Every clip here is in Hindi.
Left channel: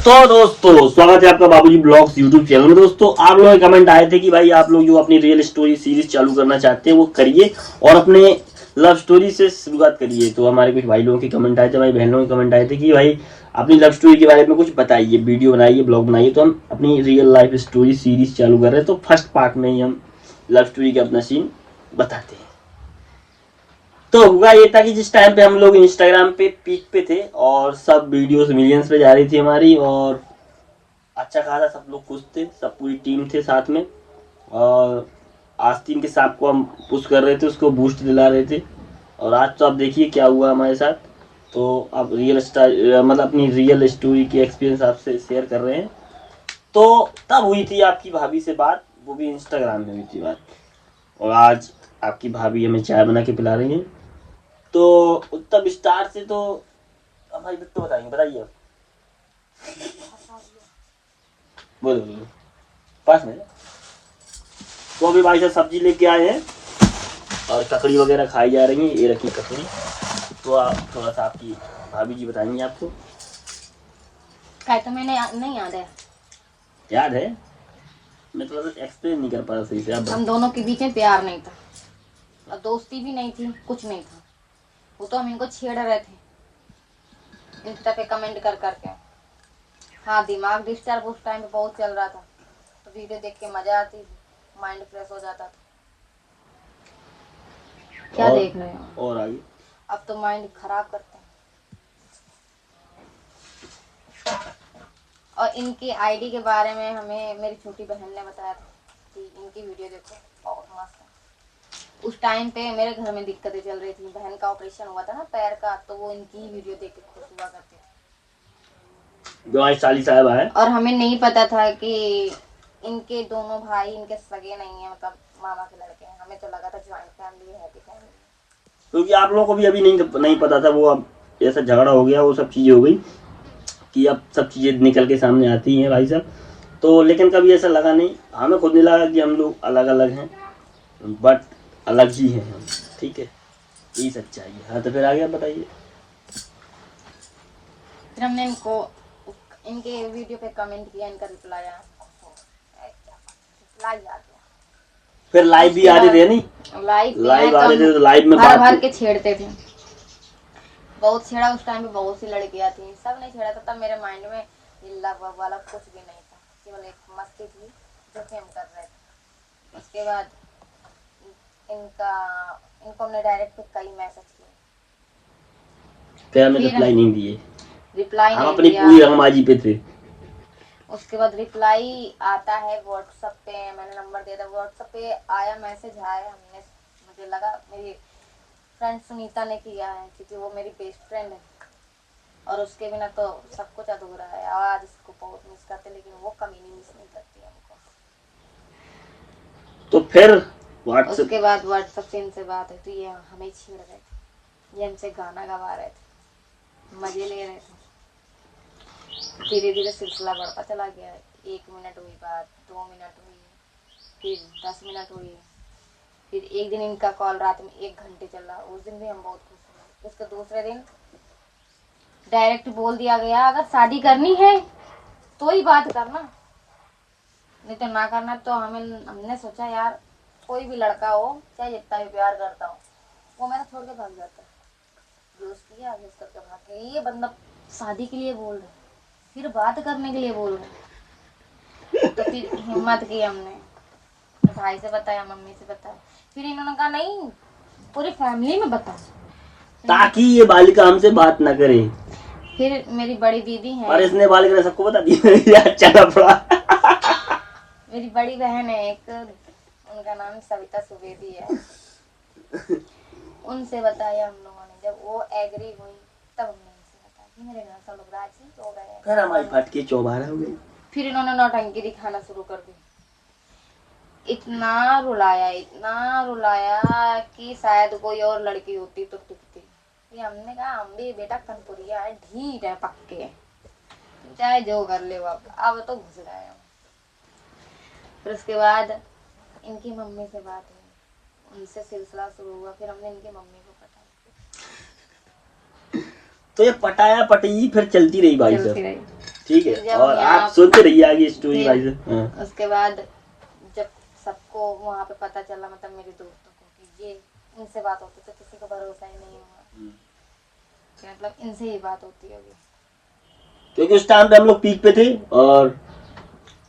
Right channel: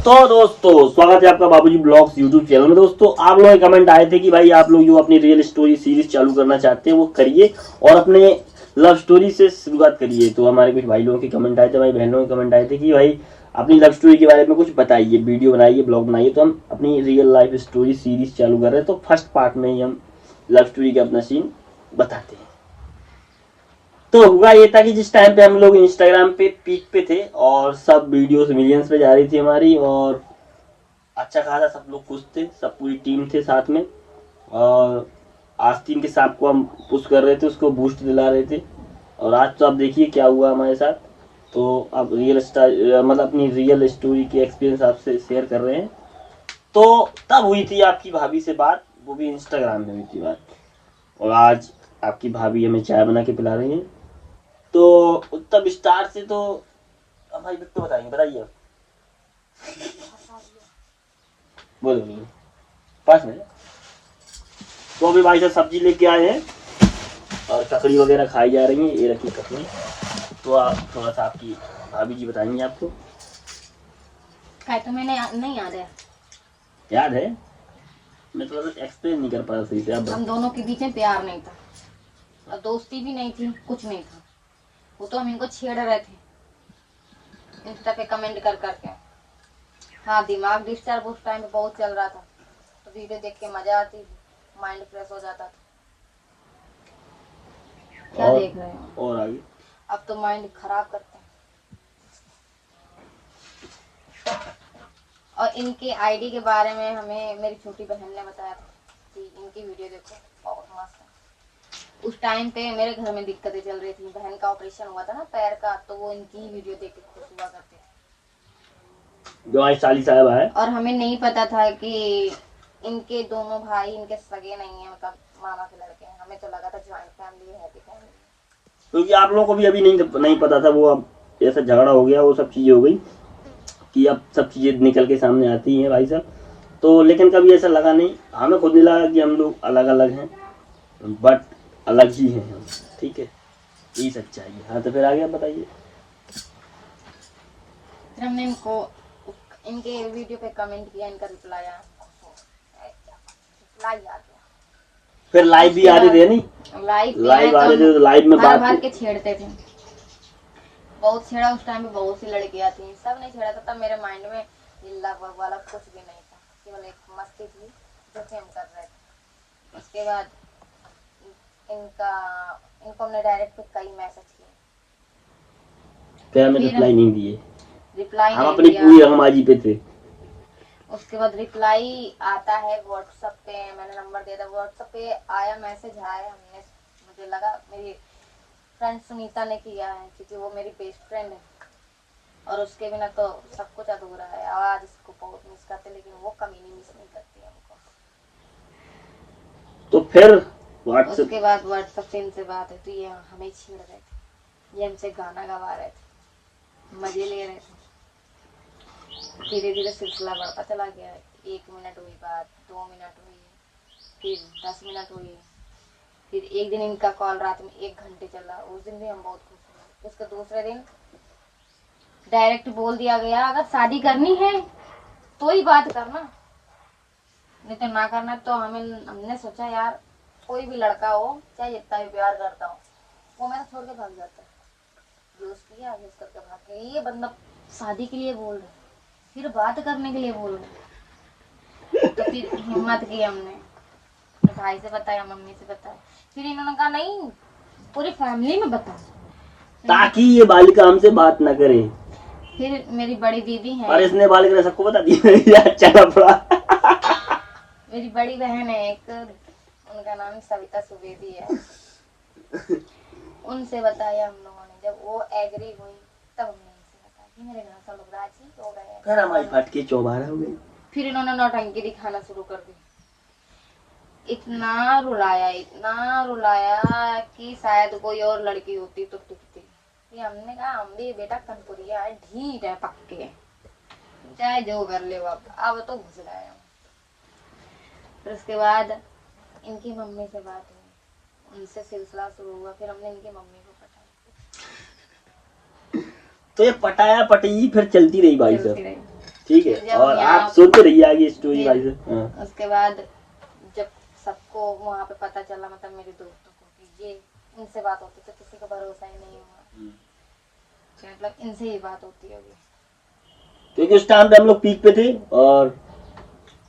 तो दोस्तों स्वागत है आपका बाबूजी ब्लॉग्स यूट्यूब चैनल में। दोस्तों आप लोग कमेंट आए थे कि भाई आप लोग जो अपनी रियल स्टोरी सीरीज चालू करना चाहते हैं वो करिए और अपने लव स्टोरी से शुरुआत करिए। तो हमारे कुछ भाई लोगों के कमेंट आए थे, भाई बहनों के कमेंट आए थे कि भाई अपनी लव स्टोरी के बारे में कुछ बताइए, वीडियो बनाइए, ब्लॉग बनाइए। तो हम अपनी रियल लाइफ स्टोरी सीरीज चालू कर रहे हैं। तो फर्स्ट पार्ट में ही हम लव स्टोरी का अपना सीन बताते हैं। तो हुआ ये था कि जिस टाइम पे हम लोग इंस्टाग्राम पे पीक पे थे और सब वीडियोस मिलियंस पे जा रही थी हमारी, और अच्छा खासा सब लोग खुश थे, सब पूरी टीम थे साथ में। और आस्तीन के साथ को हम पुश कर रहे थे, उसको बूस्ट दिला रहे थे। और आज तो आप देखिए क्या हुआ हमारे साथ। तो अब रियल स्टार मतलब अपनी रियल स्टोरी की एक्सपीरियंस आपसे शेयर कर रहे हैं। तो तब हुई थी आपकी भाभी से बात, वो भी इंस्टाग्राम में हुई थी बात। और आज आपकी भाभी हमें चाय बना के पिला रही है। तो तब स्टार से तो भाई बिट्टू बताएंगे, बताइए आप। बोलो बोलो 5 मिनट। तो अभी भाई साहब सब्जी लेके आए हैं और ककड़ी वगैरह खाई जा रही है, ये रखी ककड़ी। तो आप थोड़ा सा आपकी भाभी जी बताएंगे आपको। तो मैंने नहीं याद है। याद है, मैं थोड़ा सा एक्सप्लेन नहीं कर पाया सही से। आप हम दोनों के बीच में प्यार नहीं था और दोस्ती भी नहीं थी, कुछ नहीं था। वो तो हम इनको छेड़ रहे थे इंस्टा पे कमेंट कर करके। हाँ, दिमाग डिस्टर्ब उस टाइम पे बहुत चल रहा था, तो वीडियो देख के मजा आती थी, माइंड फ्रेश हो जाता था। क्या और, देख रहे हो? और आगे अब तो माइंड खराब करते हैं। और इनके आईडी के बारे में हमें मेरी छोटी बहन ने बताया था कि इनकी वीडियो देखो, बहुत मस्त है। उस टाइम पे मेरे घर में दिक्कतें चल रही थी, बहन का ऑपरेशन हुआ था ना पैर का, तो वो इनकी वीडियो देख के खुश हुआ करते थे। जो हमारी साली साहब है। और हमें नहीं पता था कि इनके दोनों भाई इनके सगे नहीं है, मतलब मामा के लड़के हैं। हमें तो लगा था ज्वाइंट फैमिली है, हैप्पी फैमिली। क्योंकि आप लोगों को भी अभी नहीं पता था, वो अब ऐसा झगड़ा हो गया, वो सब चीजें हो गई कि अब सब चीजें निकल के सामने आती हैं भाई साहब। तो लेकिन कभी ऐसा लगा नहीं, हमें खुद नहीं लगा कि हम लोग अलग अलग हैं, बट अलग ही हैं हम। ठीक है, यही सच्चाई है। हाँ तो फिर आगे आप बताइए। फिर हमने इनके वीडियो पे कमेंट किया, इनका रिप्लाई आया, रिप्लाई आ गया। फिर लाइव भी आ रहे थे, नहीं लाइव आ रहे थे, तो लाइव में भर बात भर के छेड़ते थे। बहुत छेड़ा उस टाइम पे, बहुत सी लड़कियां थी, सब नहीं छेड़ा था। तब मेरे माइंड में लव वाला कुछ भी नहीं था, केवल एक मस्ती थी जो कि हम कर रहे थे। उसके बाद इनको हमने डायरेक्ट कई मैसेज किए, फिर हमें रिप्लाई नहीं दिए, रिप्लाई हम नहीं अपनी दिया। पूरी रंगबाजी पे थे। उसके बाद रिप्लाई आता है व्हाट्सएप पे, मैंने नंबर दिया था, व्हाट्सएप पे आया, मैसेज आया। हमने, मुझे लगा मेरी फ्रेंड सुनीता ने किया है, क्योंकि वो मेरी बेस्ट फ्रेंड है और उसके बिना तो सब कुछ अधूरा है। आज इसको बहुत मिस करते, लेकिन वो कमी नहीं मिस नहीं करती हमको। तो फिर व्हाट्सएप, उसके बाद व्हाट्सएप से इनसे बात है, तो ये हमें छेड़ रहे थे, ये हमसे गाना गवा रहे थे, मजे ले रहे थे। धीरे धीरे सिलसिला बढ़ता चला गया। 1 मिनट हुई बात, 2 मिनट हुई, फिर 10 मिनट हुई, फिर एक दिन इनका कॉल रात में 1 घंटे चला। उस दिन भी हम बहुत खुश हुए। उसके दूसरे दिन डायरेक्ट बोल दिया गया, अगर शादी करनी है तो ही बात करना, नहीं तो ना करना। तो हमने सोचा यार, कोई भी लड़का हो, चाहे जितना भी प्यार करता हो, वो मेरा छोड़ के भाग जाता है। दोस्त किया, दोस्त करके भाग गया। ये बंदा शादी के लिए बोल रहा, फिर बात करने के लिए बोल रहे। तो फिर हिम्मत की हमने, भाई से बताया, मम्मी से बताया, फिर इन्होंने कहा नहीं, पूरी फैमिली में बता, ताकि ये बालिका हमसे बात ना करे। फिर मेरी बड़ी दीदी है, पर इसने बालिका ने सबको बता दिया। चला पड़ा। मेरी बड़ी बहन है एक, उनका नाम सविता सुवेदी है, उनसे बताया हम लोगों ने। जब वो एग्री हुई तब हमने उनसे बताया कि मेरे घर सब लोग राजी हो गए। फिर हमारी फटके चौबारा हो गई। फिर इन्होंने नौटंकी दिखाना शुरू कर दी। इतना रुलाया कि शायद कोई और लड़की होती तो टिकती। ये हमने कहा, हम भी बेटा कनपुरिया है, ढीठ है, पक्के, चाहे जो कर ले, अब तो घुस गए हम। फिर उसके बाद इनकी मम्मी से बात हुई, उनसे सिलसिला शुरू हुआ। फिर हमने इनकी मम्मी को बताया, तो ये पटाया पटी फिर चलती रही भाई साहब। ठीक है, जब और यहाँ- आप सुनते रहिए आगे स्टोरी फिर भाई से। हाँ। उसके बाद जब सबको वहाँ पे पता चला, मतलब मेरे दोस्तों को, कि ये इनसे बात होती, तो किसी का भरोसा ही नहीं हुआ कि मतलब इनसे ही बात होती होगी। क्योंकि उस टाइम पे हम लोग पीक पे थे, और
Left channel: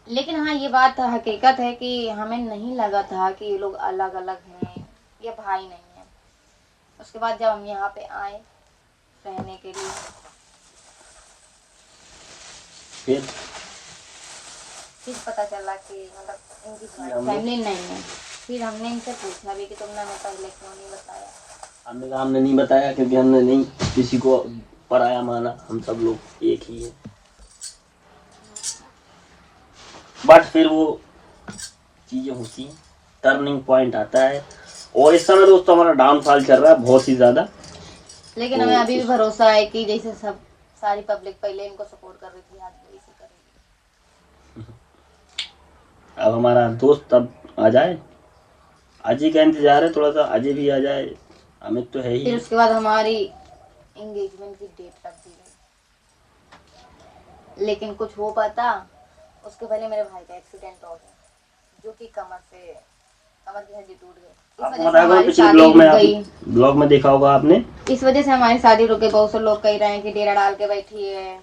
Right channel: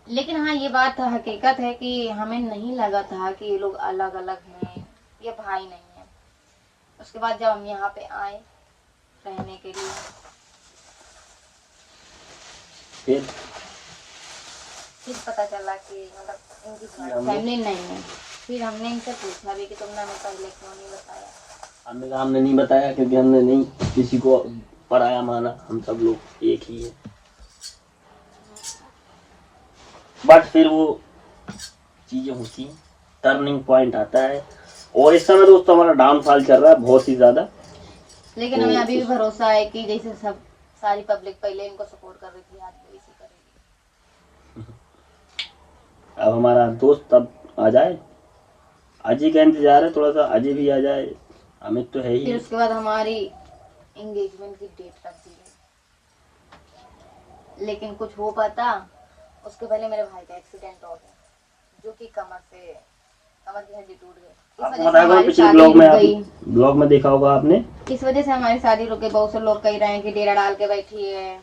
लेकिन हाँ, ये बात हकीकत है कि हमें नहीं लगा था कि ये लोग अलग अलग हैं, ये भाई नहीं है। उसके बाद जब हम यहाँ पे आए रहने के लिए, फिर पता चला कि मतलब इनकी फैमिली नहीं है। फिर हमने इनसे पूछा भी कि तुमने हमें पहले क्यों नहीं बताया। हमने कहा हमने नहीं बताया क्योंकि हमने नहीं किसी को पराया माना, हम सब लोग एक ही है। बट फिर वो चीजें होती हैं, टर्निंग पॉइंट आता है, और इस समय दोस्तों हमारा डाउनफॉल चल रहा है बहुत ही ज्यादा। लेकिन तो हमें अभी भी भरोसा है कि जैसे सब सारी पब्लिक पहले इनको सपोर्ट कर रही थी, आज भी इसी करेंगे। अब हमारा दोस्त अब आ जाए, अजय का इंतजार है थोड़ा सा, अजय भी आ जाए, अमित तो है फिर ही। उसके बाद हमारी एंगेजमेंट की डेट रख दी गई। लेकिन कुछ हो पाता, उसके पहले मेरे भाई का एक्सीडेंट हो गया, जो कि कमर की हड्डी टूट गई। इस आपको वजह से बताया था हमारी पिछले शादी ब्लॉग में, रुक गई। ब्लॉग में देखा होगा आपने। इस वजह से हमारी शादी रुक गई। बहुत से लोग कह रहे हैं कि डेरा डाल के बैठी है,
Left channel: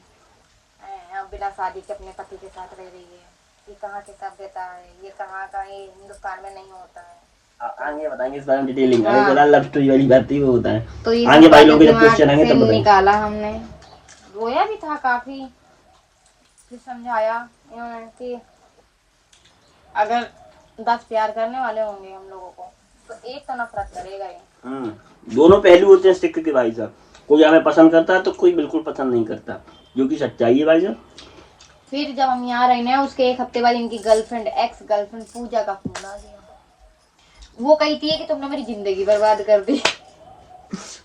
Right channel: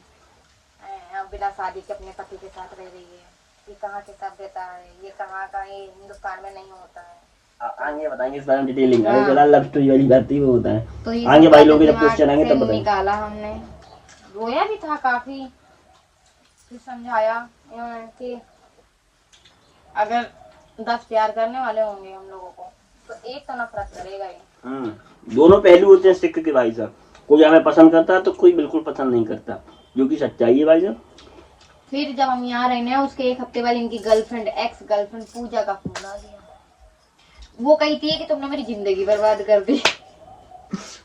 बिना शादी के अपने पति के साथ रह रही है, ये कहाँ की सभ्यता है, ये कहाँ का, ये हिंदुस्तान में नहीं होता है। आगे बताएंगे इस बारे में डिटेलिंग। हाँ। फिलहाल लव स्टोरी वाली बात ही वो होता है, तो ये आगे सब भाई बातें लोग के जब दिमाग क्वेश्चन आएंगे से तब बताएंगे। निकाला हमने, रोया भी था काफी, फिर समझाया कि अगर 10 प्यार करने वाले होंगे हम लोगों को, तो एक तो नफरत करेगा ही। दोनों पहलू होते हैं सिक्के के भाई साहब, कोई हमें पसंद करता है तो कोई बिल्कुल पसंद नहीं करता, जो कि सच्चाई है भाई साहब। फिर जब हम यहाँ रहने हैं, उसके 1 हफ्ते बाद इनकी गर्लफ्रेंड, एक्स गर्लफ्रेंड पूजा का फोन आ गया। वो कहती है कि तुमने मेरी जिंदगी बर्बाद कर दी।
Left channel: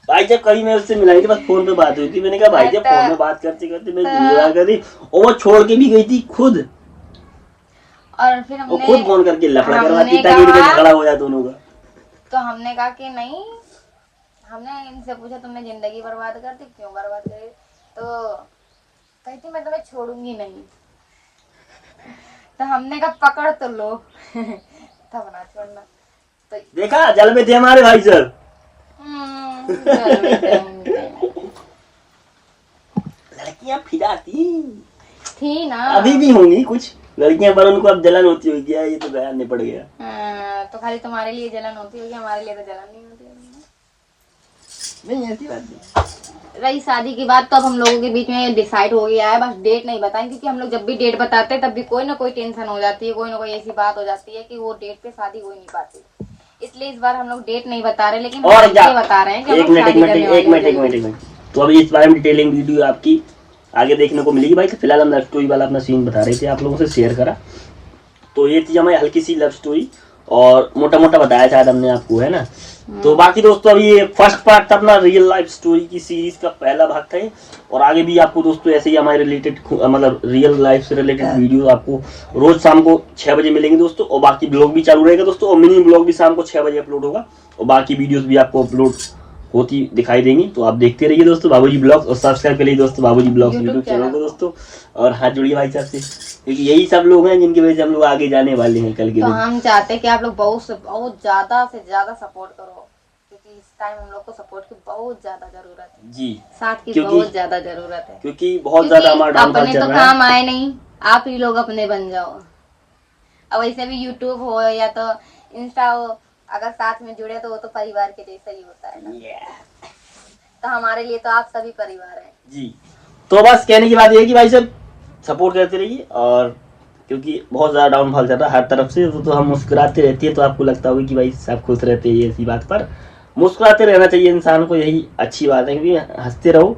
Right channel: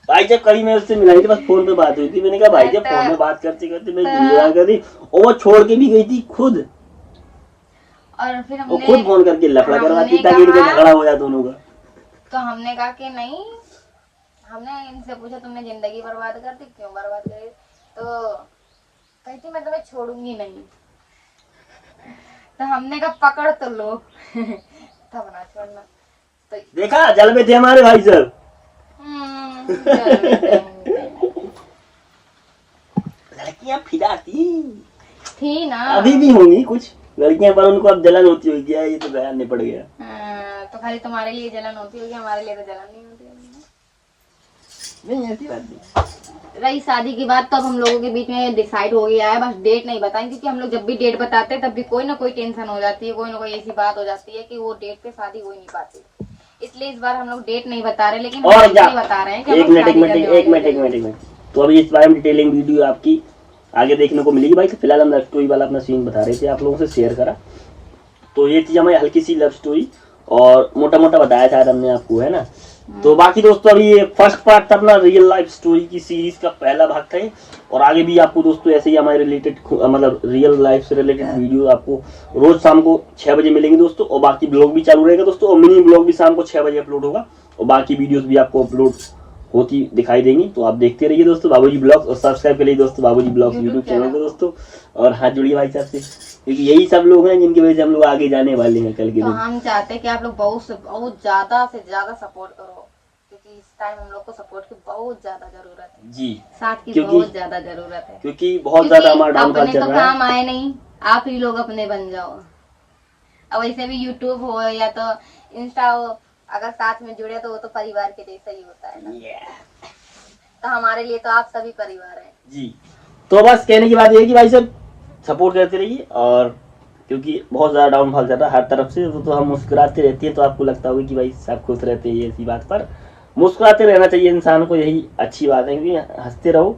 भाई जब कभी मैं उससे मिलाई थी, बस फोन पे बात हुई थी, मैंने कहा भाई जब फोन पे बात करते करते मैं जिंदगी बर्बाद कर दी, और वो छोड़ के भी गई थी खुद, और फिर और हमने खुद फोन करके लफड़ा करवाती हमने ताकि कहा- झगड़ा हो जाए दोनों का। तो हमने कहा कि नहीं, हमने इनसे पूछा तुमने जिंदगी बर्बाद कर दी, क्यों बर्बाद करी? तो कहती मैं तुम्हें छोड़ूंगी नहीं। तो हमने कहा पकड़ तो लो। तब ना छोड़ना। तो देखा जल में थे हमारे भाई साहब। लड़कियां फिदा थी ना, अभी भी होंगी कुछ लड़कियां, पर उनको अब जलन होती होगी, क्या ये तो बयान निपट गया। तो खाली तुम्हारे लिए जलन होती होगी, हमारे लिए तो जलन नहीं होती होगी। नहीं ऐसी बात नहीं। रही शादी की बात, तो अब हम लोगों के बीच में डिसाइड हो गया है, बस डेट नहीं बताएं, क्योंकि हम लोग जब भी डेट बताते हैं तब भी कोई ना कोई टेंशन हो जाती है, कोई ना कोई ऐसी बात हो जाती है कि वो डेट पे शादी हो ही नहीं पाती। इसलिए इस बार हम लोग डेट नहीं बता रहे, लेकिन और हम क्या ये बता रहे हैं कि हम एक लोग मिनट शादी करने वाले हैं। तो अभी इस बारे में डिटेलिंग वीडियो आपकी आगे देखने को मिलेगी भाई। फिलहाल हम लव स्टोरी वाला अपना सीन बता रहे थे, आप लोगों से शेयर करा, तो ये थी हमारी हल्की सी लव स्टोरी, और मोटा मोटा बताया शायद हमने आपको, है ना। तो बाकी दोस्तों अभी ये फर्स्ट पार्ट था अपना रियल लाइफ स्टोरी की सीरीज का पहला भाग था, और आगे भी आपको दोस्तों ऐसे ही हमारे रिलेटेड मतलब रियल लाइफ से रिलेटेड वीडियो आपको रोज शाम को 6 बजे मिलेंगे दोस्तों, और बाकी ब्लॉग भी चालू रहेगा दोस्तों, और मिनी ब्लॉग भी शाम को 6 बजे अपलोड होगा, और बाकी वीडियोस भी आपको अपलोड होती दिखाई देंगी। तो आप देखते रहिए दोस्तों बाबूजी ब्लॉग्स, और सब्सक्राइब करिए दोस्तों बाबूजी ब्लॉग्स यूट्यूब चैनल को दोस्तों, और हाथ जुड़िए भाई साहब से, क्योंकि यही सब लोग हैं जिनकी वजह से हम लोग आगे जाने वाले हैं कल के तो दिन। हम चाहते हैं कि आप लोग बहुत ज्यादा से ज्यादा सपोर्ट करो, क्योंकि इस टाइम हम लोग को सपोर्ट की बहुत ज्यादा जरूरत है जी, साथ की क्योंकि- बहुत ज्यादा जरूरत है, क्योंकि बहुत ज्यादा हमारा डाउनफॉल अपने चल तो रहा है। काम आए नहीं, आप ही लोग अपने बन जाओ। अब वैसे भी यूट्यूब हो या तो इंस्टा हो, अगर साथ में जुड़े तो वो तो परिवार के जैसा ही होता है ना। तो हमारे लिए तो आप सभी परिवार हैं जी। तो बस कहने की बात ये है कि भाई साहब सपोर्ट करते रहिए, और क्योंकि बहुत ज्यादा डाउनफॉल चल रहा है हर तरफ से, तो हम मुस्कुराते रहती है, तो आपको लगता होगा कि भाई सब खुश रहते हैं, ऐसी बात, पर मुस्कुराते रहना चाहिए इंसान को, यही अच्छी बात है, क्योंकि हंसते रहो,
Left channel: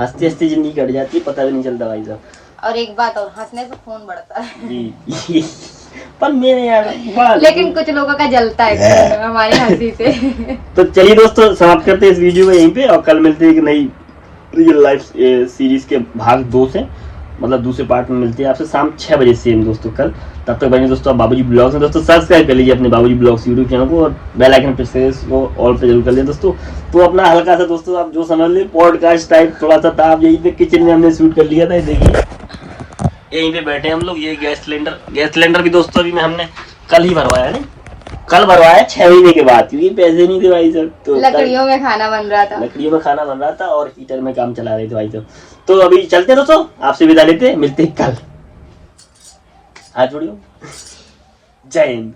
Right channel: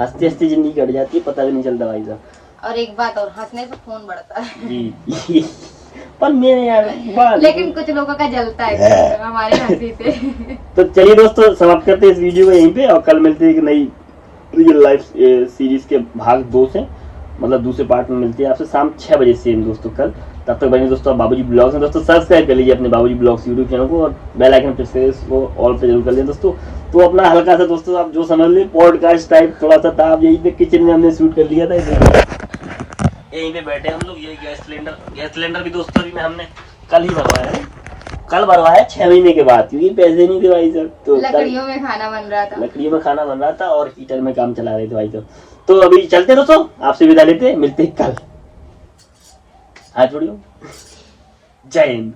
हंसते हंसते जिंदगी कट जाती है, पता भी नहीं चलता भाई साहब। और एक बात और, हंसने से खून बढ़ता है। जी पर मेरे यार लेकिन कुछ लोगों का जलता है हमारे हंसी से। तो चलिए दोस्तों समाप्त करते हैं इस वीडियो में यहीं पे, और कल मिलते हैं एक नई रियल लाइफ सीरीज के भाग 2 से, मतलब दूसरे पार्ट में मिलते हैं आपसे शाम 6 बजे सेम दोस्तों कल। तब तक बने दोस्तों बाबूजी ब्लॉग्स में, दोस्तों सब्सक्राइब कर लीजिए अपने बाबूजी ब्लॉग्स यूट्यूब चैनल को, और बेल आइकन प्रेस को ऑल पे जरूर कर लिया दोस्तों। तो अपना हल्का सा दोस्तों आप जो समझ लीजिए पॉडकास्ट टाइप थोड़ा सा था, आप यही पे किचन में हमने शूट कर लिया था, देखिए यहीं पे बैठे हम लोग। ये गैस सिलेंडर भी दोस्तों अभी में हमने कल ही भरवाया है, कल भरवाया 6 महीने के बाद, क्योंकि पैसे नहीं थे भाई साहब। तो लकड़ियों में खाना बन रहा था, लकड़ियों में खाना बन रहा था और हीटर में काम चला रहे थे भाई साहब। तो अभी चलते दोस्तों, आपसे विदा लेते, मिलते कल। हाथ जोड़ियो, जय हिंद।